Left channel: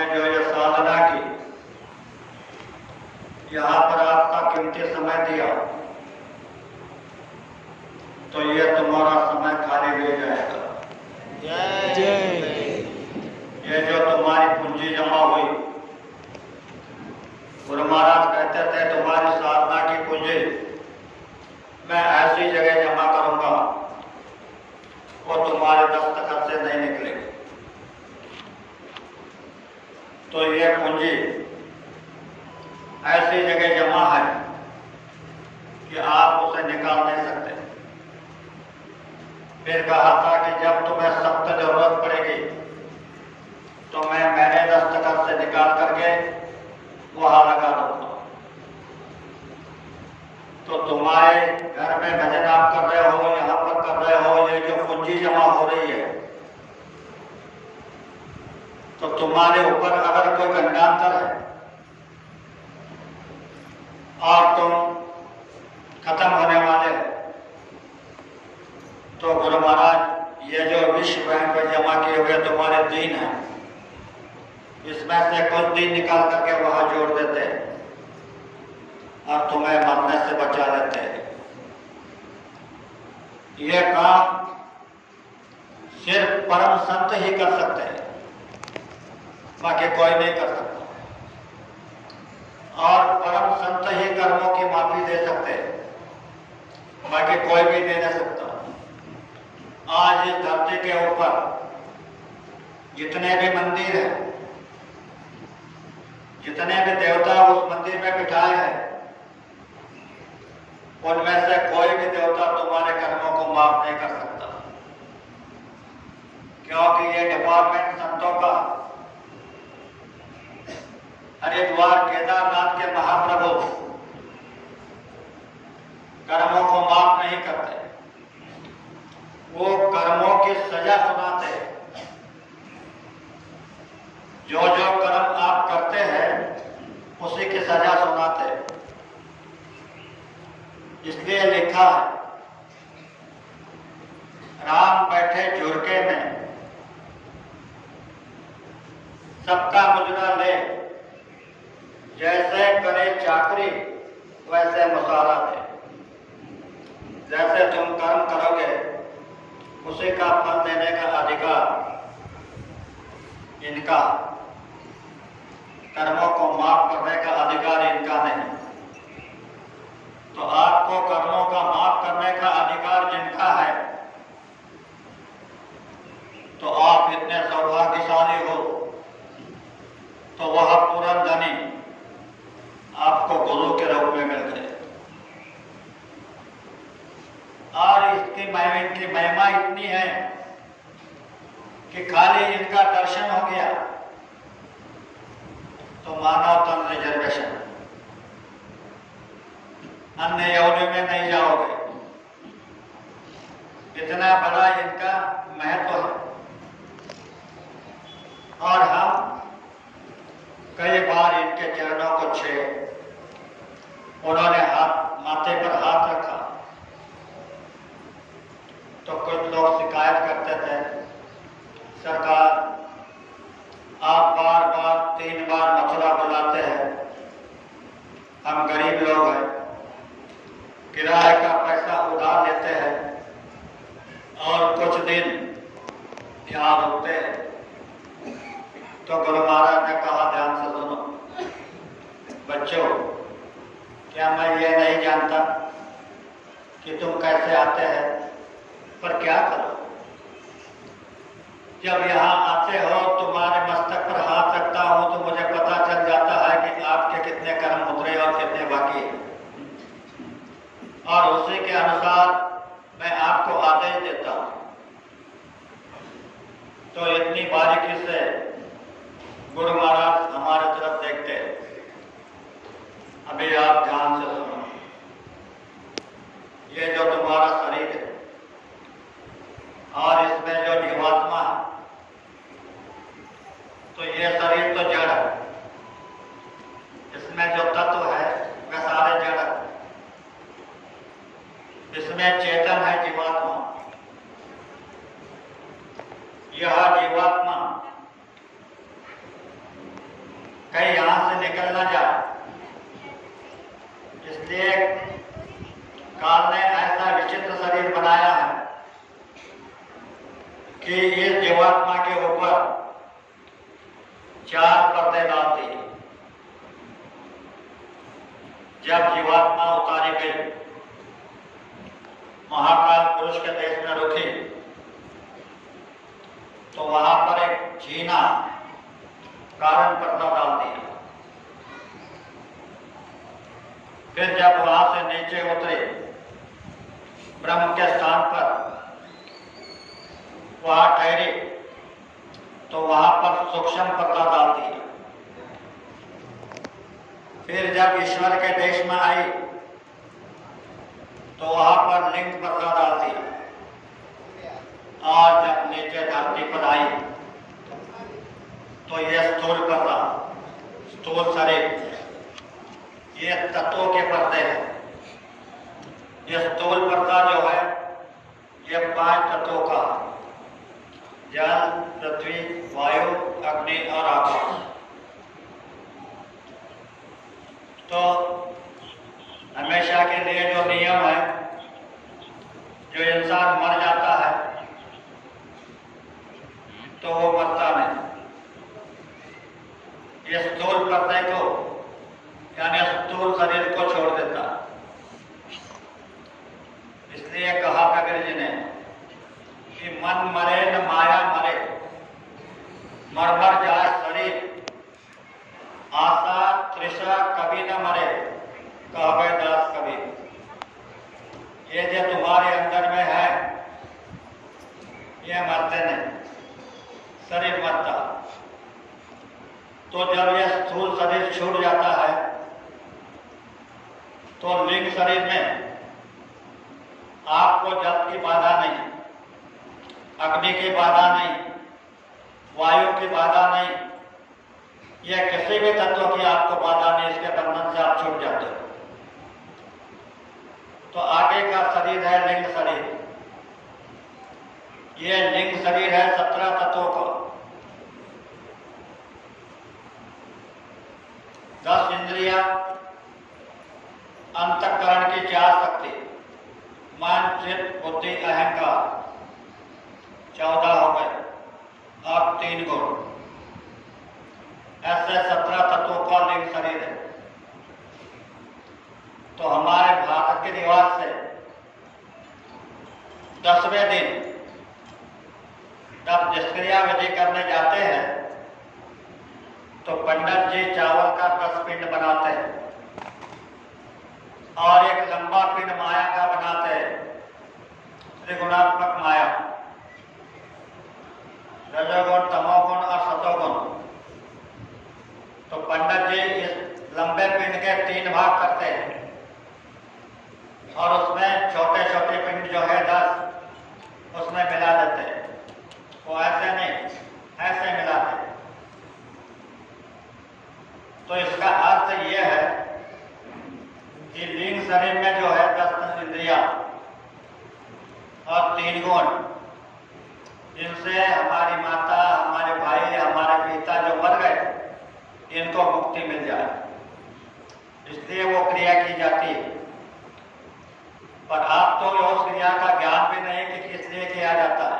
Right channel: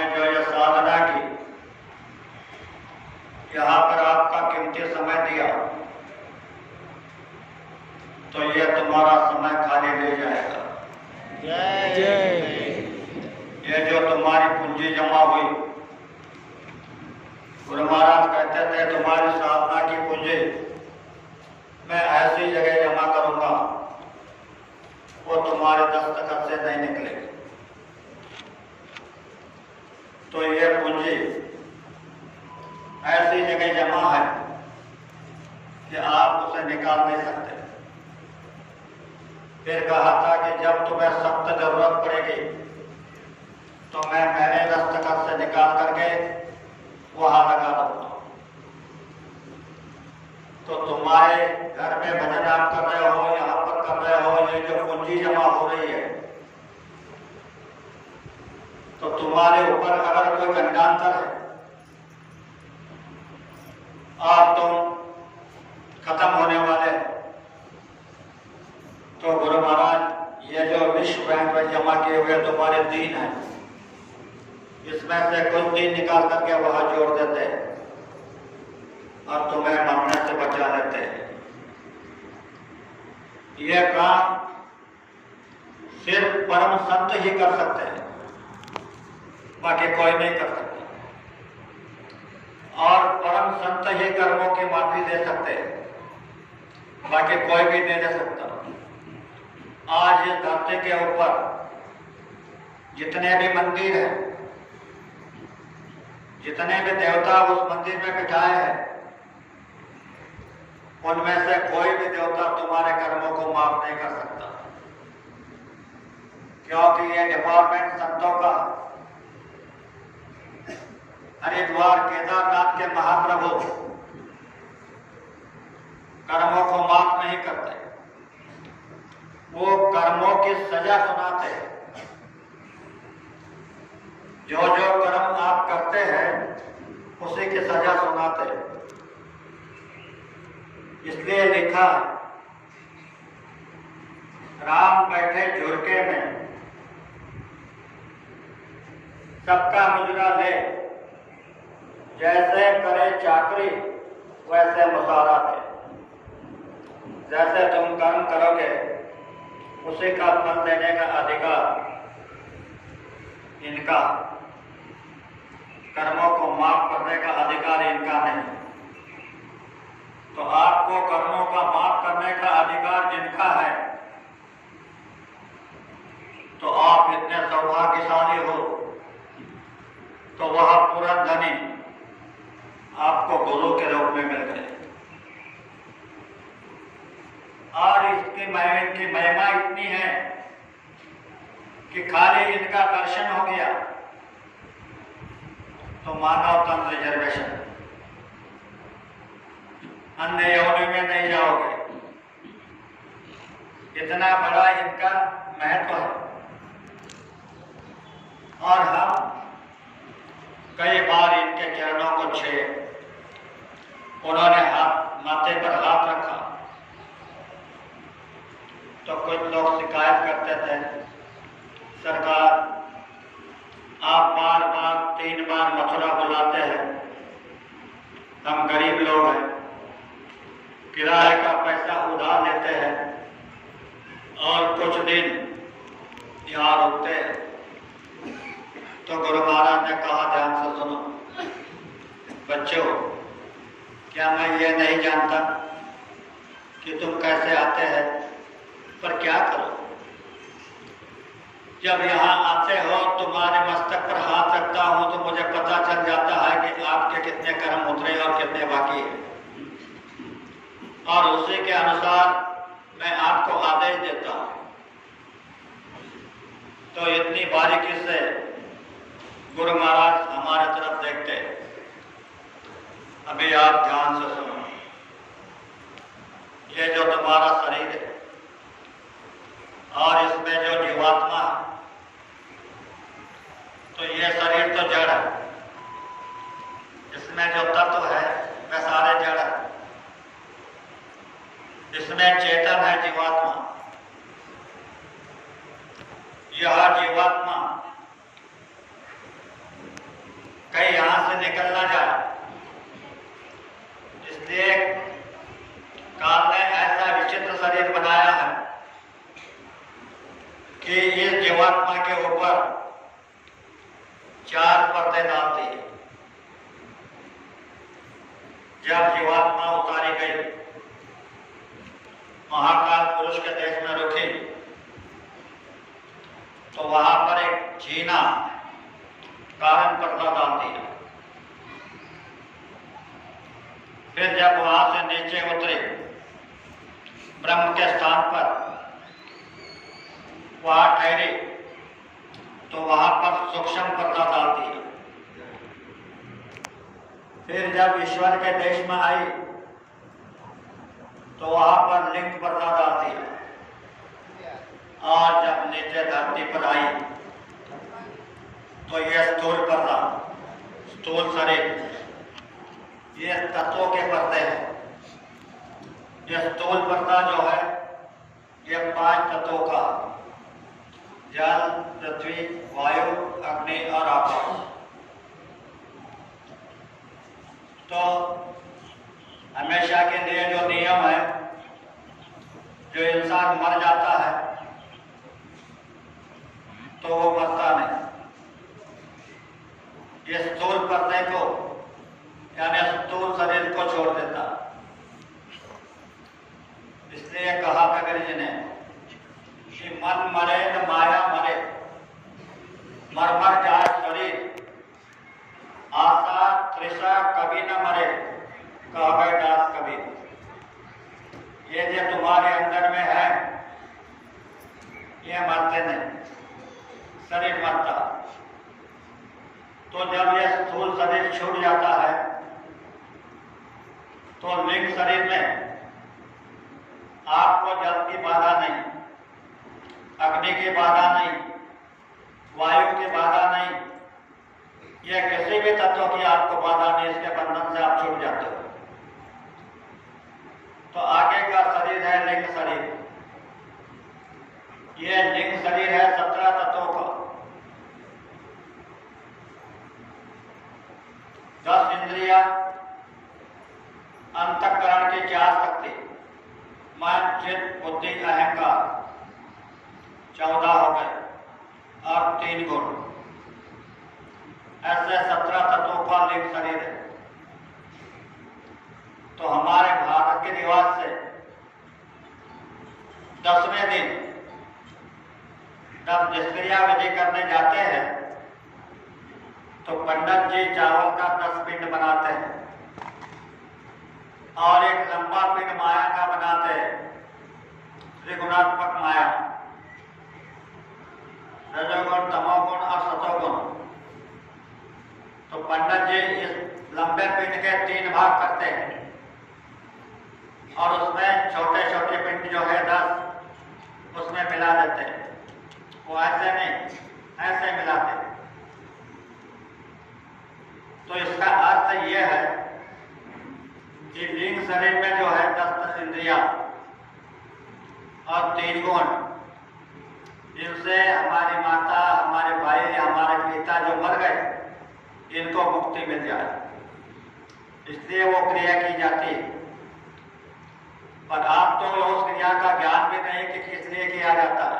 आपने जो ये साधना की, यहाँ पर आपका कीमती समय दिया, तो ये तुम्हारा समय खाली ले जाएगा। जय जय। ये जो तुम्हारी पूंजी जमा हुई, गुरु महाराज कहते थे तुम्हारी साधना की पूंजी मैं ऐसी जगह जमा करूंगा वो तुम्हारे दस्तखत से नहीं निकलेगी। तो ये पूंजी ऐसी जगह जमा है कि आप उसे निकाल नहीं सकते। फिर कहा था कि जब तुम्हें सख्त जरूरत पड़ेगी तो मैं मेरे दस्तखत से निकाल करके वहां लगा दूंगा। तो तुम्हारे घर में भजन आप कर रहे हो, यहाँ पर कर रहे हो, ये जो पूंजी जमा हो रही है, तो तुम्हारे ऊपर अगर कोई गंडांतर है और तुम खत्म होने वाले हो, तो गुरु महाराज ये जो विश्व बैंक में जमा किए हुए तुम्हारे दिन हैं, इसमें से कुछ दिन निकाल करके वहां जोड़ देते हैं और तुम्हें मरने से बचा लेते हैं। यह काम सिर्फ परम संत ही कर सकते हैं, बाकी कोई नहीं कर सकता। और परम संत ही कर्मों की माफी दे सकते हैं, बाकी कोई भी नहीं दे सकता। आज इस धरती के ऊपर जितने भी मंदिर हैं, जितने भी देवता उस मंदिर में बिठाए हैं, उनमें से कोई भी देवता तुम्हारे कर्मों को माफ नहीं कर सकता, क्योंकि ये डिपार्टमेंट संतों का। हरिद्वार केदारनाथ के महाप्रभु कर्मों को माफ नहीं करते, वो कर्मों की सजा सुनाते हैं। जो जो कर्म आप करते हैं उसी की सजा सुनाते हैं। इसलिए लिखा है, राम बैठे झुरके में, सबका मुजरा ले, जैसे करे चाकरी वैसे मुसारा दे। जैसे तुम कर्म करोगे उसी का फल देने का अधिकार इनका, कर्मों को माफ करने का अधिकार इनका नहीं। तो आपको कर्मों का माफ करने का अधिकार जिनका है, तो आप इतने सौभाग्यशाली हो, तो वह पूर्ण धनी आपको गुरु के रूप में मिल गए। और इसकी महिमा इतनी है कि खाली इनका दर्शन हो गया तो मानव तन रिजर्वेशन, अन्य योनि में नहीं जाओगे। इतना बड़ा इनका महत्व है। और हम कई बार इनके चरणों को छुए, उन्होंने माथे पर हाथ रखा, तो कुछ लोग शिकायत करते थे, सरकार आप बार बार 3 बार मथुरा बुलाते हैं, हम गरीब लोग हैं, किराए का पैसा उधार लेते हैं और कुछ दिन यहाँ रुकते हैं। तो गुरु महाराज ने कहा, ध्यान से सुनो बच्चों, क्या मैं ये नहीं जानता कि तुम कैसे आते हैं, पर क्या करो, जब यहाँ आते हो तुम्हारे मस्तक पर हाथ रखता हूं तो मुझे पता चल जाता है कि आपके कितने कर्म उतरे और कितने बाकी हैं, और उसी के अनुसार मैं आपको आदेश देता हूं। तो इतनी बारीकी से गुरु महाराज हमारे तरफ देखते। अभी आप ध्यान से सुनो, ये जो तुम्हारा शरीर है और इसमें जो जीवात्मा है, तो ये शरीर तो जड़ है, इसमें जो तत्व है वे सारे जड़ है। इसमें चेतन है जीवात्मा। यह जीवात्मा कहीं यहाँ से निकल ना जाए, इसलिए काल ने ऐसा विचित्र शरीर बनाया है कि इस जीवात्मा के ऊपर 4 पर्दे डाल दिए। जब जीवात्मा उतारी गई, महाकाल पुरुष के देश में रुकी, तो वहां पर एक जीना कारण पर्दा डाल दिया। फिर जब वहां से नीचे उतरे ब्रह्म के स्थान पर, वहां ठहरे, तो वहां पर सूक्ष्म पर्दा डाल दिया। फिर जब ईश्वर के देश में आई, तो वहां पर लिंग पर्दा डाल दिया। और जब नीचे धरती पर आई, तो यह स्थूल पर्दा, स्थूल शरीर, ये तत्वों के पर्दे हैं। ये स्थूल पर्दा जो है, ये 5 तत्वों का, जल, पृथ्वी, वायु, अग्नि और आकाश। तो हमेशा के लिए जो नियम है, जो इंसान मर जाता है तो वो मरता नहीं। ये स्थूल पर्दे को, यानी स्थूल शरीर को छोड़ देता। इसलिए कहा प्रगट जी ने कि मन मरे न माया मरे, मर मर जाए शरीर, आशा तृषा कभी न मरे, कहे दास कबीर। ये जो तुम्हारे अंदर में है, ये मरते नहीं, शरीर मरता। तो जब यह स्थूल शरीर छूट जाता है, तो लिंग शरीर में आपको जल की बाधा नहीं, अग्नि की बाधा नहीं, वायु की बाधा नहीं, यह किसी भी तत्व की आपको बाधा नहीं। इसके बंधन से आप छूट जाते हो। तो आगे का शरीर है लिंग शरीर। यह लिंग शरीर है 17 तत्वों का। 10 इंद्रिया, अंतःकरण की 4 शक्ति, मन, चित्त, बुद्धि, अहंकार, 14 हो गए, और 3 गुण। ऐसे 17 तत्वों का लिंग शरीर है। तो हमारे भारत के निवास से 10वें दिन जब निष्क्रिया विधि करने जाते हैं, तो पंडित जी चावल का 10 पिंड बनाते हैं और एक लंबा पिंड माया का बनाते हैं, त्रिगुणात्मक माया, रजोगुण, तमोगुण और सतोगुण। तो पंडित जी इस लंबे पिंड के 3 भाग करते हैं और उसमें छोटे छोटे पिंड जो है 10, उसमें मिला देते हैं। वो ऐसे नहीं, ऐसे मिलाते हैं। तो इसका अर्थ यह है कि लिंग शरीर में जो है 10 इंद्रिया और 3 गुण, जिनसे हमारी माता, हमारे भाई, हमारे पिता जो मर गए, इनको मुक्ति मिल जाए, इसलिए वो क्रिया की जाती है। पर आप तो उस क्रिया का ज्ञान भी नहीं कि किस लिए किया जाता है।